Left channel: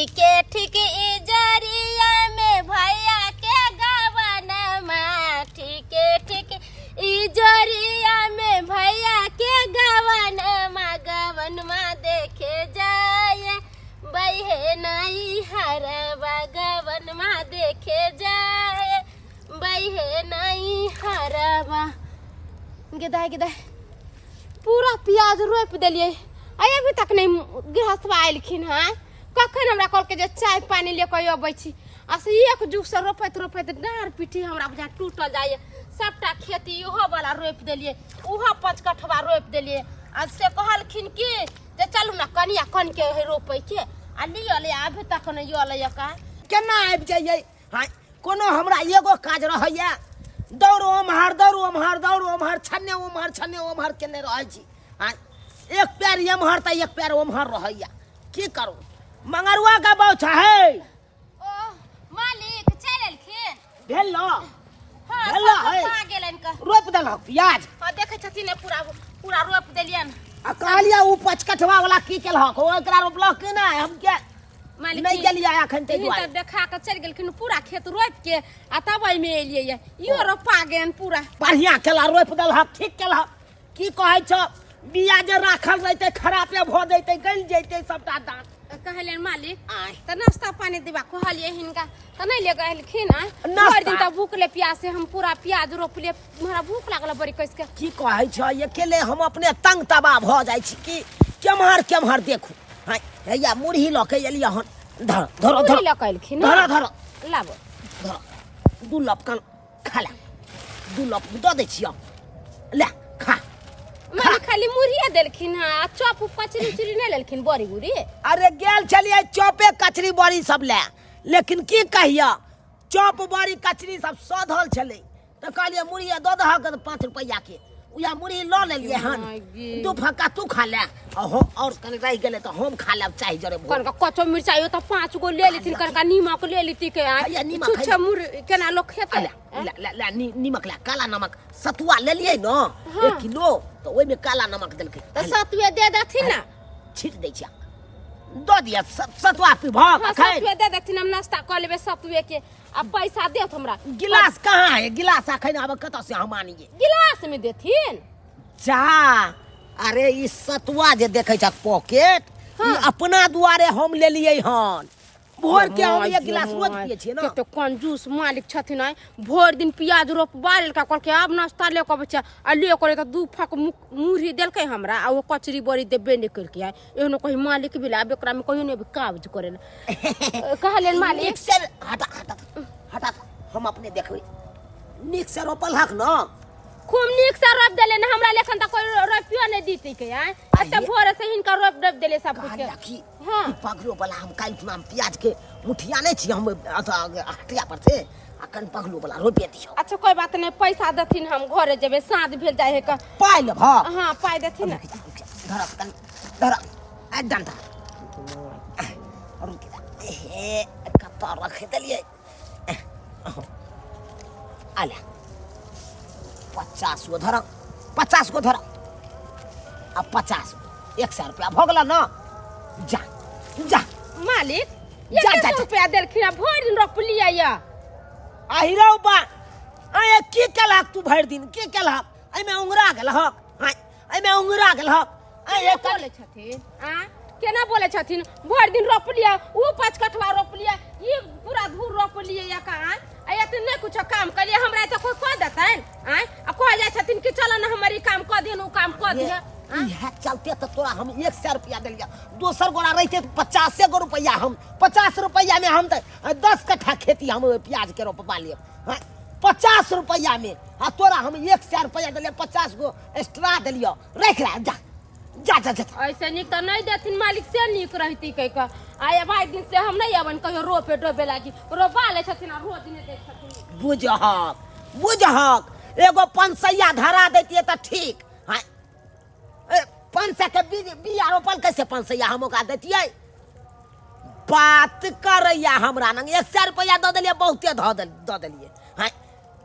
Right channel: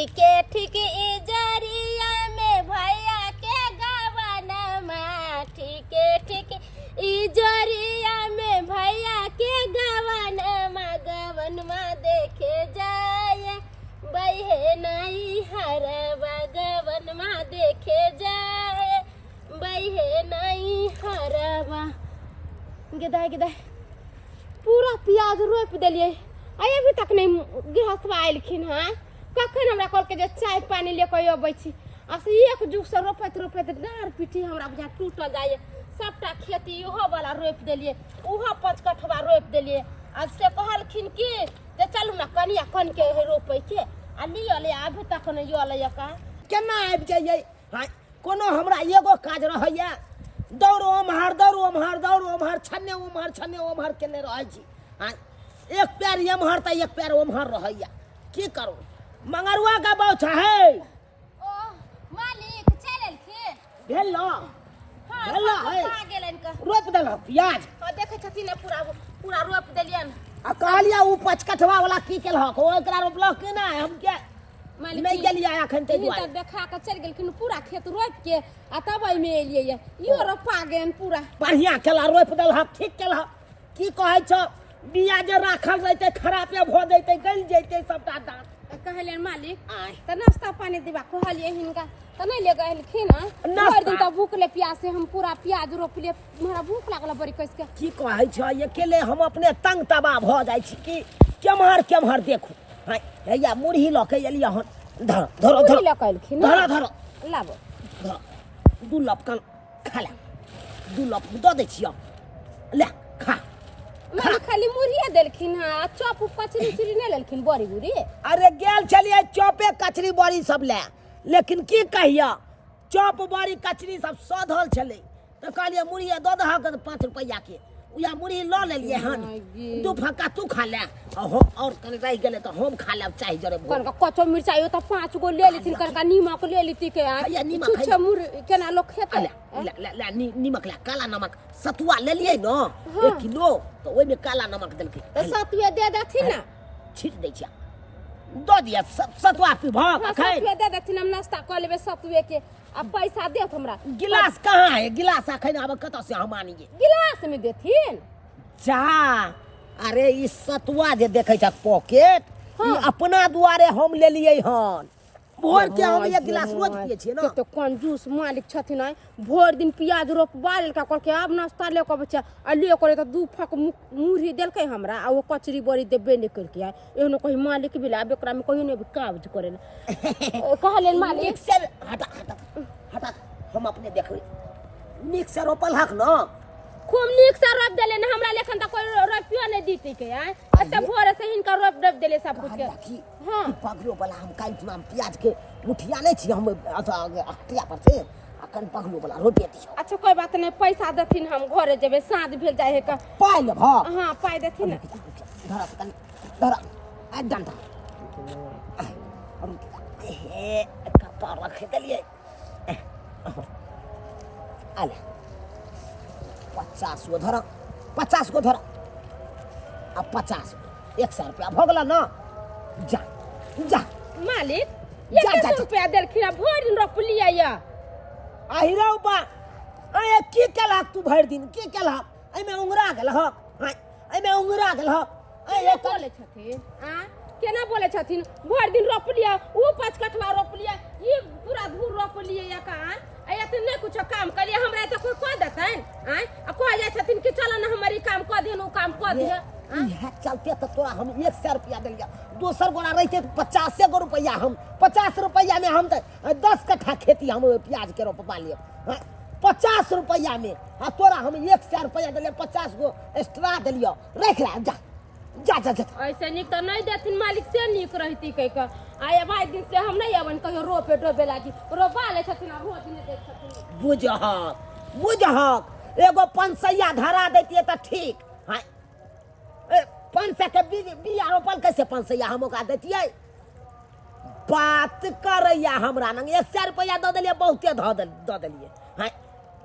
ठीक इजरिया में भैया के गवनमा ठीक इजरिया में भैया के गवनमा देखे जाए बहे नहीं हरवा गवनमा देखे जाए बहे नहीं हरवा। गिदाय पूरा प्याज रोप दिलिए आइ अभी तक नहीं गृहस्थ आयलखिन हाँ कखन हमरा कल के जे चाय पानी लेके अबै छी असे एक जुग से रोपैत डार पीठी हमरा बुझा टूटल जाए सबटा खेती ओहो वाला रोप देलिए ओहो 5 कठवा रोप देलिए आज से कहलखिन कि जे चलू ना कनिया कन के रोपै के आ लियो ले अभी तक नहीं योले का केना आबि जाइए हां कोनो हमरा एगो काज रहैया दौड़ ओम्हर छन्ने ओम्हर केने रहै छी हां एक पैर एम्हर त एक पैर ओम्हर रहैया की करू मंगरुआ का बाउ है ओ मालिक चललखिन भेल न हां है आ गेलन का रोप देलक प्याज हां देखे छथिन पूरा रोप देलियन आ कहलिया उ 5 कठवा वाला की केलहक ओकरा रोपलक कि नहीं हम के मालिक नहीं गेलिया एखन ते दुआरे तो देखा के चल गेलखिन पूरा खेत रोप के आ तब में एलिए यो रोपा गेन पूरा बढ़िया केला रोप देलहक ठीक केलहक की कहै छ बिया जे राखल रहते खराबे भ जैते गल जैते सबटा दांत कहले मालिक त नाश्ता पानी दिबा कहलिए हिनका त नहीं ले गलखिन हर दिन त भूखले प्यास से हम पूरा प्याज रोपले हमरा भूख लागल बड़ी कस के की कहै छ अकेले हम अपने तंग तबा भ जाय छी कि केम्हर देखू हां हैया मुरही ल के एलिया हन धर ल कलखिन धर लाबो धर दू लपकन खाला दू लप द दै छियो ले खा मालिक खाली मुरहिया देलखिन हां चॉप कचरी चुरी नहीं लेलखिन बड़ी गुरी अरे गेल छलिए चॉपे कचरी बड़ी सब ले लेकिन की कहिया चॉप बड़ी कचरी सब सधल छले त कहलिए मुरहिया द दहक 5 रुपया के उया मुरही ल लेलिए हन दू फक्का तू खा ले और कने रह गेले त हम खा लेब चाहे जरे कनका कच्चो मिर्चाई त 5 गो ले लेथिन कनका नीमक ले लेती के या नीमक छुछे मुर केना लोग खेत ला नीमक ला काला नमक सतुआ ले लिए न 1 किलो तो ओइ में काला नमक देलकै त सतुए दे देथिन ना छीट दै छिया द दिया सतुआ पिभा खाए सतुए दे देथिन हम नाश्ता क लेबे सतुए के अब पैसा देत हमरा गिलास कहाँ है गिलास अखन अब कत से हम आनिए गिलास में देथिन जा अरे ई सतुआ जे देखै छ पॉकेट ई अपना दुआरे हम ले लिए हन भोर के हम एक गिलास रोज पिए छिए ना तो कंजूस मालिक छथिन भोर दिन प्याज रोपबा लेलका कहल के अब नाश्ता ले के बच्चा आ ले करे त दू फक मुरही देलकै हमरा आ वो कचरी बड़ी देबे नहीं करके एहनो कहि मालिक बिला बेकरा में कहियो नहीं काज करे कहले मालिक सर हटा हम अपने देखबै निक से रोपल हक न खूब निक से रोप देले न हमरा लेखन त कोई रोपियो नहीं दीती के एते भोर से हिनका रोप देले सब कुछ के हां पगलो वाला हम काई नाम प्याज के मुठिया नहीं छी हम हटिया पर से अकन पगलो वाला रोपे दियो अच्छा कोई बात नहीं पैसा देथिन हम घरे जेबे साँझ भेल जाए है का पाई ले हां हां पाई देथिन धर आ डंडा ए कता रख देलिए आला 50 गो धर अब 50 100 रुपया भोगला ना जा मालिक 100 रुपया देलखिन भर दिन रोपलिया या आहिरौ बा आय की केलक तू भर दिन की केलक एमे उंगरा गेल ह एमे उंगरा गेल ह आय बोले छथिन केना बोले छथिन भर दिन रोपलिया ऊ 5 कठवा रोपलिया ई पूरा धूर रोपलिया या कहां आयत नहीं कुछ काम करिए हमरा त कोई कह देतन आ कह जाय छथिन कि चल ना हमारी काम क देन ऊ काम क दे इहा चलते त तोरा हम 100 रुपया देलिया दोसर गोरा रहते 50 गो रुपया हम 50 रुपया में हम त 10 कट्ठा खेती हम प्याज के रोपवा लिए 50 रुपया में आ तोरा हम 100 रुपया देलिया 50 गो एक्स्ट्रा देलियो रख ले जा ऐसे निक त नहीं देथिन मालिक से निक रहती कह का आय भाई दिन से हम नहीं अवन कहियो रोपे डोबे लागी रोपा ले छथिन रोज दिन देख छथिन बुझहक एगो पंसैया धरा देतिए त ठीक हां 500 के बिया रोपल कैसे पंसैया हम ओका देतिए बात करैया हमरा नंग 100 रुपया द देलिए बहुते द देलिए हां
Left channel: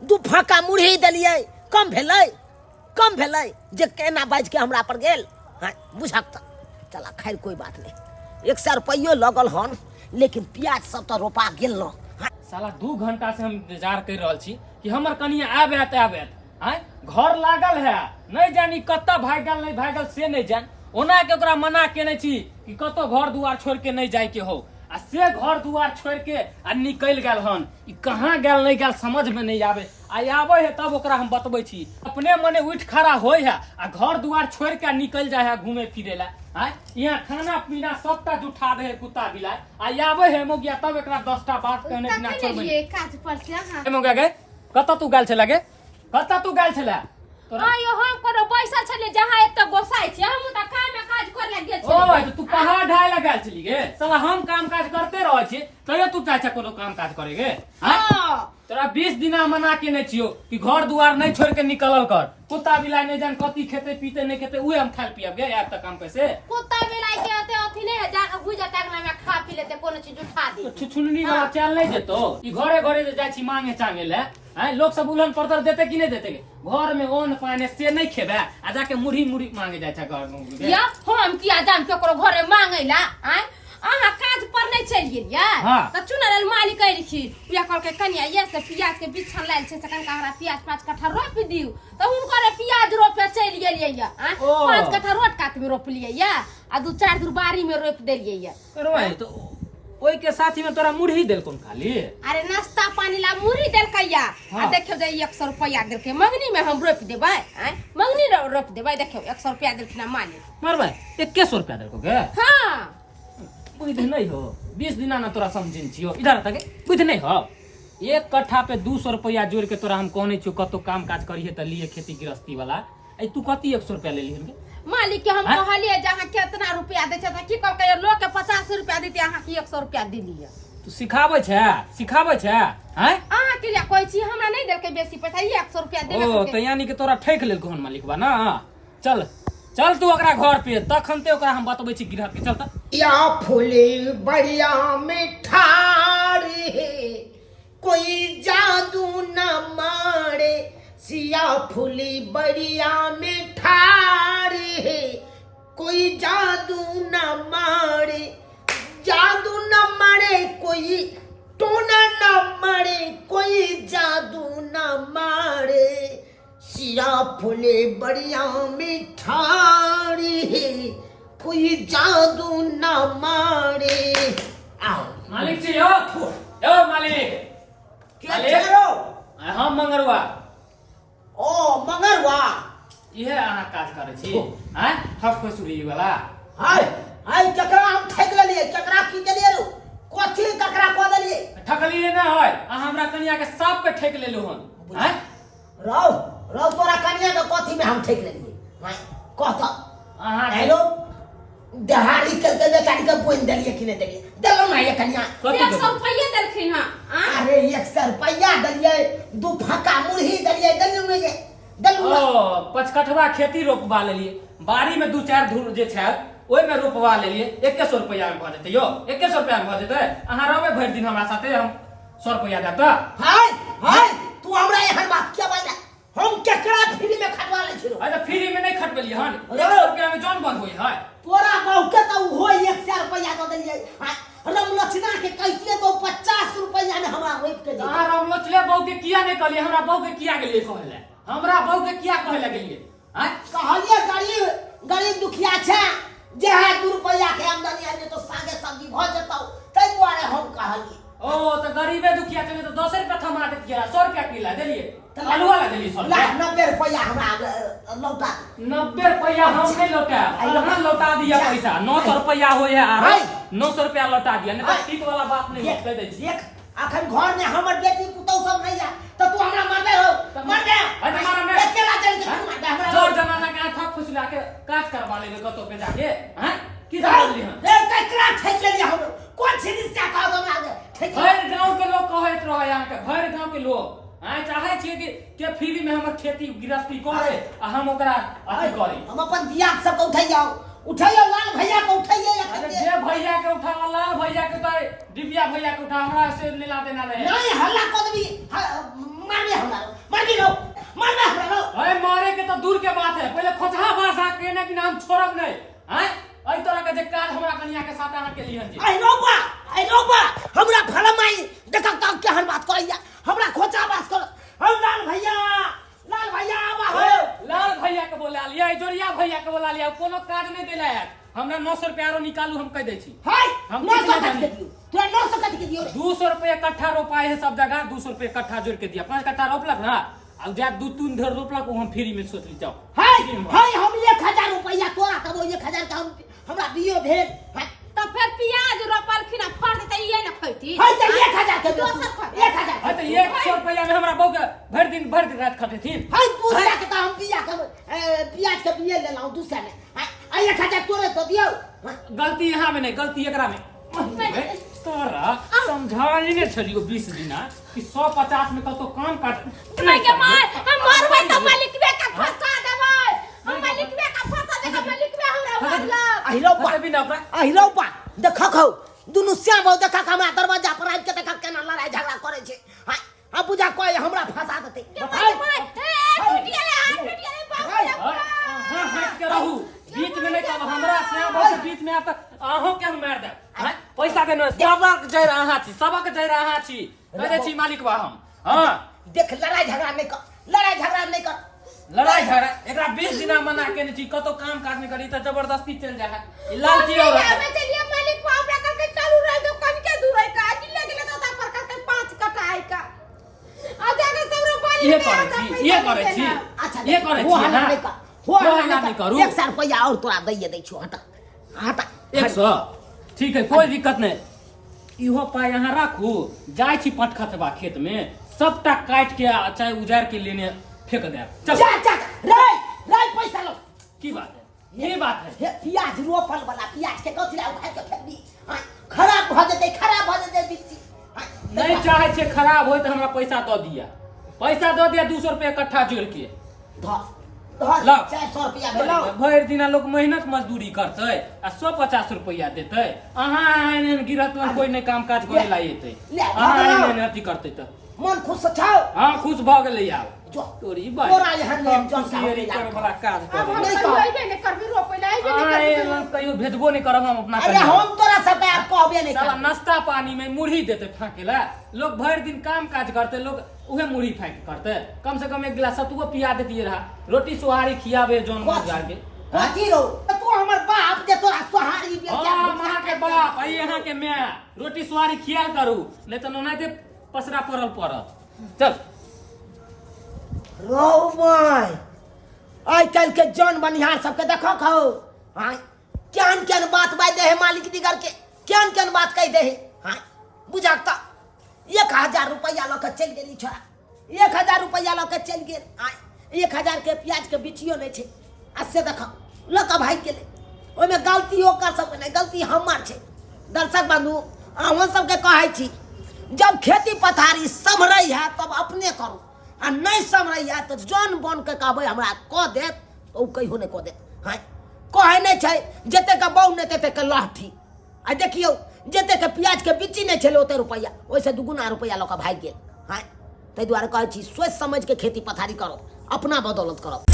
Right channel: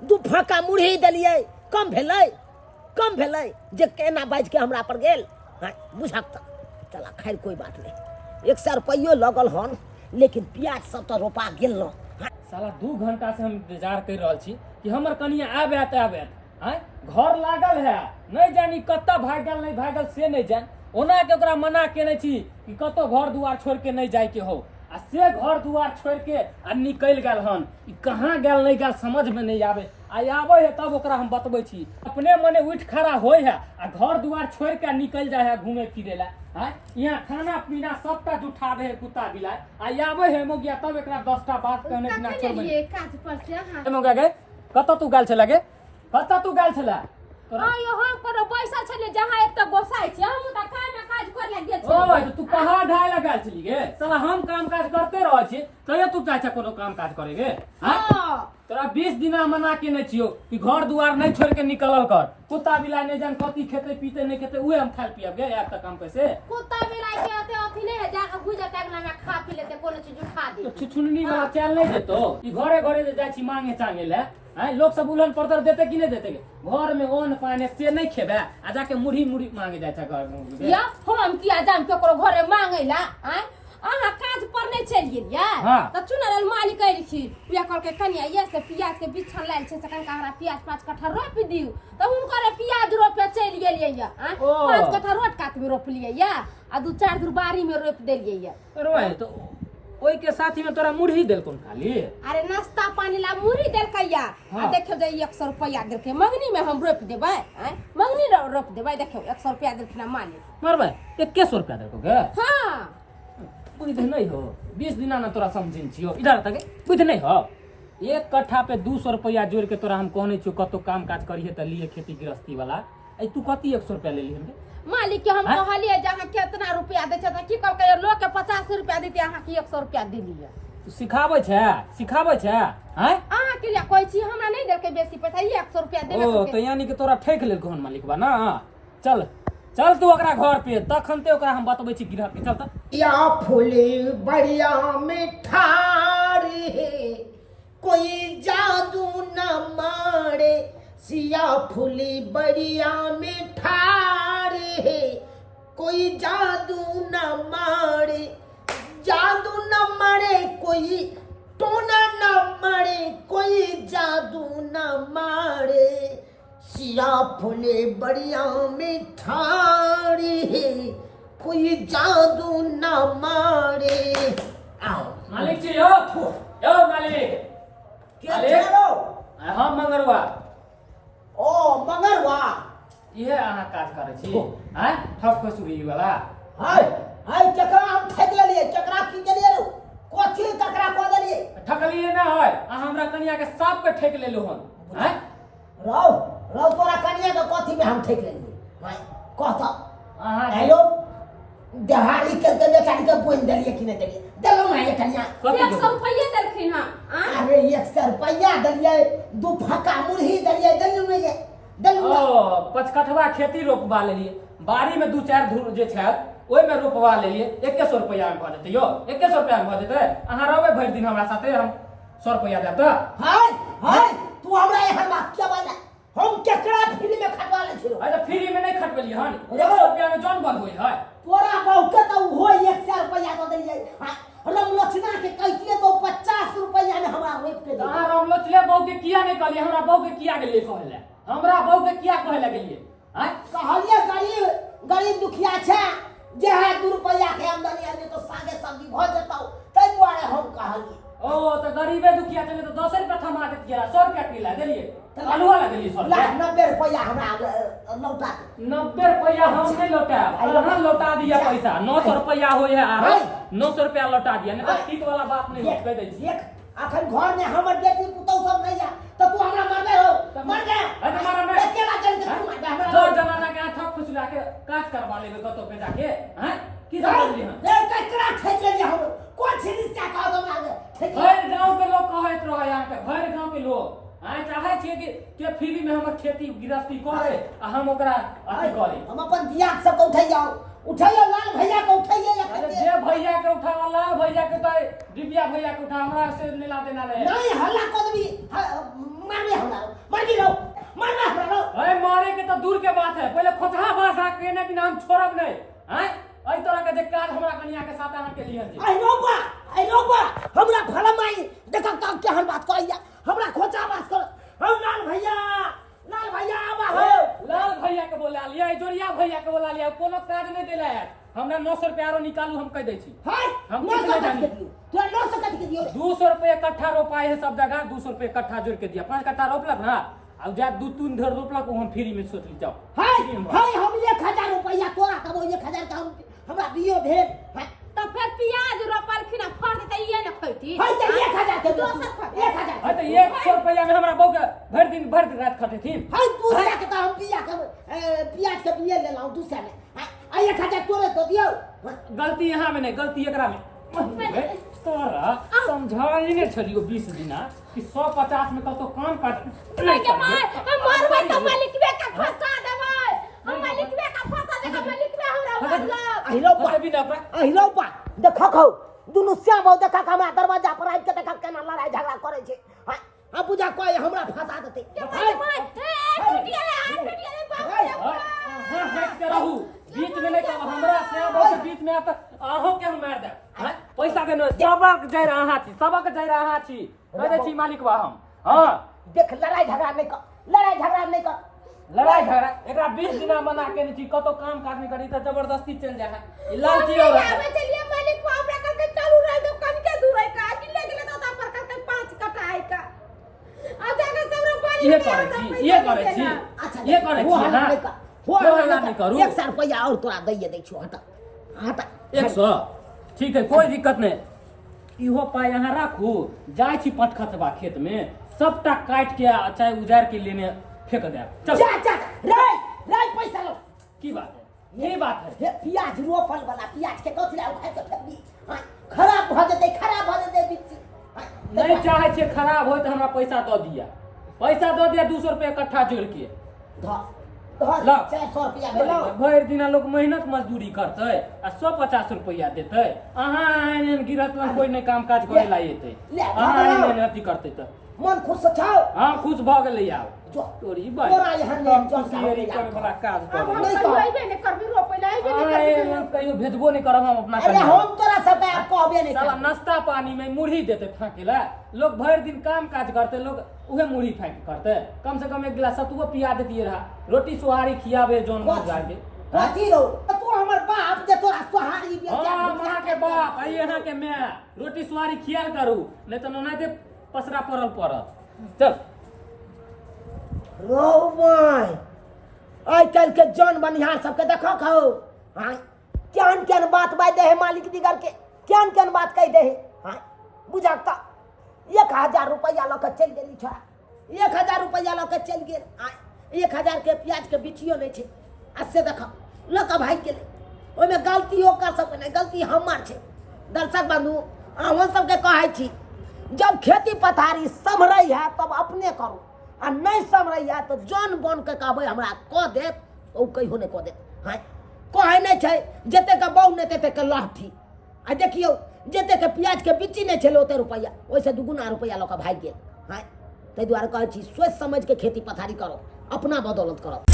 दू फाका मुरही देलिए कम भेलै जे केना बाज के हमरा पर गेल हाँ बुझक त चला खैर कोई बात नहीं 100 रुपया लगल हन लेकिन प्याज सब तो रोपा गेल न। साला 2 घंटा से हम इंतजार कर रहल छी कि हमर कनिया आबैत आय घर लागल है, नहीं जानी कत्ता भागल नहीं भागल से नहीं जान। ओना के ओकरा मना केने छी कि कतो घर दुआर छोड़ के नहीं जाय के हो, आ से घर दुआर छोड़ के आ निकल गेल हन। ई कहाँ गेल नहीं गेल समझ में नहीं आवे। आई आवे है तब ओकरा हम बतबै छी, अपने मने उठ खड़ा होय है आ घर दुआर छोड़ के निकल जाय है घूमे फिरे ला। यहाँ खाना पीना सबटा जुठा दे है कुत्ता बिलाय। आई आवे है मोगिया तब एकरा 10टा बात कहने बिना छोड़बै। काज पर से हां मोगिया गे कत्ता तू गेल छला गे, कत्ता तू गेल छला? आयो हम कोनो पैसा छले जहां एक त गोसाई छी, हम त काज कर ले गेल छी। ओए तो तू पहाड़ ढाय लगा छली गे, साला हम काम काज करते रह छी तयो तू चाहे कोनो काम काज करे गे। हां तोरा 20 दिना मना के नहीं छियो कि घर दुआर नहीं छोड़ के निकलल कर। कुत्ता बिलाई नहीं जान कथी खेते पीते नहीं खेते उहे हम खाल पियब गे यार त काम पे से। कुत्ता बिलाई के आते अथी नहीं है जाके बुझा टागना में खा पी लेते कोनो चीज उठा दे। तो छुछुननी वाला चल नहीं देतो ई घरे घरे जे जाय छी मांगे चांगे ले। हैं लोग सब उलन पड़तर देते कि नहीं देते? घर में ओन पाने से नहीं खेबे आ जाके मुढ़ी मुढ़ी मांगे जाय छ घर में। या हम किया जान केकरो घरे मांगे ला हैं? आहा काज पर नहीं चल गेलिया त चुनल मालिक कह रखी उया कल के कनिया ये से प्याज के बिछन लाइल छे से कनका हमरा प्याज 5 कट्ठा रोप दिउ त हुनकर प्याज रोपे चल गेलिए या 5 कट्ठा रोट काट में रोप लिए या आ 2-4 दूर बारी में रोप देलिए या। रोए तो ओई के साथी में तोरा मुढ़ी देल कोन खाली? अरे नाश्ता पानी ला मुढ़ी देल कहिया आ देखियो जे 100 रुपया देल के मंगनी में हम रोप देबै हैं मंगनी रोप देबै देखियो 100 रुपया देलखिन मालिक मरबै 100 रुपया देल को गे। हां बुझ नहीं हो 20 दिना ना तोरा समझिन छियो इधर तक बुझ नहीं हो। 1 कट्ठा पे 200 रुपया जोड़ के तोरा हम कहने छियो कतो काम काज करिए त लिए खेती गृहस्थी वाला आई तू कती 100 रुपया ले लिहन गे? मालिक के हम कहलिए जहां कितना रुपया दे छ त की कहल के लोग के 50 रुपया देते अहां के 100 रुपया देलिए। तू सिखाबै छै हैं? अहां के लिए कोई छी हमरा नहीं देल के बेसी पैसा 100 रुपया देबे। ओ त यानी के तोरा ठेक लेल कोन मालिक बा ना। चल चल तू ओकरा घर पे तखन ते ओकरा हम बतबै छी गिरह के। चल त या फूले बढ़िया मिठारी कोई जादू न मारे सिया फूली बढ़िया मिठारी कोई जादू न मारे जादू न मारे कोई टोना न मारे कोई जादू न मारे सिया फूले बढ़िया मिठारी कोई जादू न मारे। आओ मालिक जी ओ मालिक के छेरो हम मंगरुआ। ओ मंगरुआ इहे अहाँ काज करे छी हैं ठक फसुरी वाला। हाय हाय ककरा हम ठक लेलिए ककरा की देलिए रो कोथी ककरा को देलिए? ठकलिए ना है अहाँ हमरा कनिया के सब के ठक लेलु हन हैं। रौ रौ तोरा कनिया के कोथी में हम ठक लेलिए? हाय कहत अहाँ हेलो दहाड़ी करके बेचारी के बोल देलिए कि नहीं देलिए? देलो ना ये कनिया 100 रुपया देलखिन हां। अरे 100 रुपया देलिए 2 फक्का मुरही देलिए देलु में गे देलु। ओ 5 कठवा खेती रोपवा लेलिए बाड़ी में 2-4 धूर जे छै ओइ में रोपवा लेलिए 100 रुपया में भ जेते यो 100 रुपया में भ जेते। अहाँ रहबे भरि दिन हमरा साथे हम 100 रुपया देब त। हाय हाय तू हमरा एहन बात क्या बोला? हम केकरा फ्री में खटवा ले छिरो? अरे फ्री में नहीं खटबलिए हन 100 रुपया में जौन बंद होई है। तोरा बहु के तो हो 100 रुपया दे देलिए। राम लक्ष्मण के कहतिए तो 50 रुपया में हमरा रोप के दे। अहाँ राम लक्ष्मण बहु के किया नहीं कहलिए? हमरा बहु के किया गेलिए कहले? हमरा बहु के किया कहले गेलिए? हैं कहलिए गरीब गरीब दुखिया छै जे है 2 रुपया के आमदनी आने तो सागे सब्जी भ जतौ तै दुआरे हम कहलिए। ओ तो गरीबे दुखिया चले तो 10 रुपया थमा देत गेला 100 रुपया किला देलिए आलू वाला देलिए 100 रुपया 90 रुपया हमरा लौटा दे। 90 रुपया हम नहीं लौटा अहाँ लौटा दिया पैसा 900 रुपया होय है आरो 900 रुपया लौटा दिया नहीं तो ठीक वाला बात नहीं कह दे छी। देख अखन घर में हमर बेटी पुतौ सब नहीं जा त तू हमरा मारबे हो मर दे। अरे मारा मैं अकेला चल के तू मार दे हमरा जोर जमाना के ठक फुसला के काज करवा लेबे कतो पे जाके हैं की समझली हम ए ककरा ठेक लेलिए हम कोन छिनी से कह दो ना ठेक हर गांव के लोग कहत रहे यहाँ के हर गांव के लोग आय चाहे छिए कि के फ्री में हमर खेती गृहस्थी करे आ हम ओकरा अथी करी। हम अपन दिया सब को उठाइयो लाल भैया को उठाइए। अरे जे भैया के उठावला भैया के तो दिव्या भैया के उठा हमरा से लेला देना रहे नहीं हल्ला कदमी मारबे हमरा मारबी रो मारबे हमरा रो। अरे मारे के तो दूर के बात है पहले खोचहा भाषा कहने कि हम छोड़ब नहीं हैं एहि तरह के जे काज हमरा कनिया के साथ अहाँ के लिहन जी आई रोबा हमरा फलमाई देखा का केहन बात करैया हमरा खोचा बात कर हम लाल भैया आबा हो लाल भैया के बोला लिया जोरिया भैया के बोला लिया कोनो काज नहीं देला है हमरा 900 रुपया आरो निकालू हम कह दै छी हाय हम 900 कितना कट जानी? के दियो तोरा 900 कट के दियो 200 रुपये इकट्ठा रोपाए है सब जगह 200 रुपये इकट्ठा जोड़ के दिया 5 कट्ठा रोपलक ना अब जा 2-3 धर रोपलक हम फ्री में सोच ली जाओ हाय हम 1000 रुपया तोरा तब 1000 का हमरा दियो भेल हाय तो फिर प्याज रोपलखिन आ फड़ देते ये न खैती हाय त 1000 के दियो 1000 है तो 100 रुपया में हमरा बहू के भर दिन रात खटेथिन हाय दूसरा के तो हम बिया के प्याज के बिया ले लाऊं दूसरा में हाय 1000 तोरे तो दियो गलती यहाँ में नहीं गलती एकरा में तोरा समझाई ने छलियो 20 दिना कि 150 में तो काम काट नहीं के मार हम मारबै तो मालिकवे का फंसा देबै हम मालिकवे का फंसा देबै मालिकवे हमरा मारलक अहिरौपा देखा खौ दुनु श्याम हो देखा हमरा दरवाजा पर आबि के देखा केना लड़ाई झगड़ा करे छै हां आ पूजा कोई हमरा फंसा देते हां हट के रहू बीच में नहीं कब हमरा श्याम बहुत बीच में आप आहो के हम मार दे पैसा के न सबक जय रहा छी सबक जय रहा छी कह दे छी मालिक बा हम हां देख लड़ाई झगड़ा नहीं कर लड़ाई झगड़ा एकरा 20 दिना मना के नहीं छी कतो काम काज नहीं करी त जबरदस्ती चल जा है लालची हो रहा हमें चलिए मालिक को हमरा करके चालू रह दो कम के दूर है का कि लगे तो ता पर करके 5 कटाई का आ जाके सबरो बाली ये करे छी अच्छा हो हल्ला नहीं करू 100 रुपया और तोरा दैए दै छियो हटा 100 ठीक है कोई दिक्कत नहीं इहो पाई यहाँ राखू जाय छी पटखतबा खेत में सबटा काट के चाहे उजार के लेने फेंक दे चल जा रे पैसा लो की बात है ये बात है हे प्याज रोपल वाला प्याज के कथि ला उठा के फेंक दी खराब भ जेते बिच्ची नहीं चाहे छे खराब होय तो हमरा पैसा दो दिया 200 रुपया इकट्ठा जोड़ के धर 400 रुपया भेलो भर दिना लोग मेहनत मजदूरी करते आ 150 रुपया देते अहाँ गिरत में कोई नहीं काम काज करे ला एते अहाँ मेहनत करते तो मन खुश छाओ हां खुश भ गेलै आब जो तोरी बाई तोरा यहाँ ले जो सियरी कर वाला काज करे नहीं कर आइबे ने करबी रोपैला आइबे ने करबी कहियो भेजबो नहीं करब हम अपना अरे हम तोरा सब आप कहबे नहीं साला कर नाश्ता पानी में मुढ़ी देते फाकेला लोग भर दिन काम काज करते लोग उहे मुढ़ी फाक करते कम से कम एक गिलास सतुओ पिया देती रहा रोटी सुहारी खियाबे जोन मजार के कथी रो तू हमर बाप जे तोरा सोहारी बे हां मां के बाप आई यहाँ के मैं रोटी सुहारी खियाल करू नहीं तो नोनाते पसरा पड़त चल रो माय आई कल के जन बनिहार सबके देखो खो हां केन बात बाय दे है मालिक दिगर के केन बात कह दे है हां बुझाता 1000 रुपया लक चल गेली छोरा 1000 रुपया लक चल गेल हां 1000 के प्याज के बिचियो नहीं छे आ से देखो लक भाई के ले ओय में गलती हो कर सब नहीं गलती हमार छे दर्शक बंधु अहाँ सबके कहै छी जब खेती पथारी समरई है तब अपने करू आ नहीं समरई है तो जन बन के कहबै हमरा क देत तो उ कहियो नहीं क देत हां कहै नहीं छै जते के बहु नहीं तते के लाठी आ देखियो जते के प्याज के बिच्ची नहीं छले ओते रुपया ओइसे दुगुना रुपया लक भाग गेल हां तै दुआरे कहै छी सोच समझ के खेती पथारी करो अपना बदौलत करो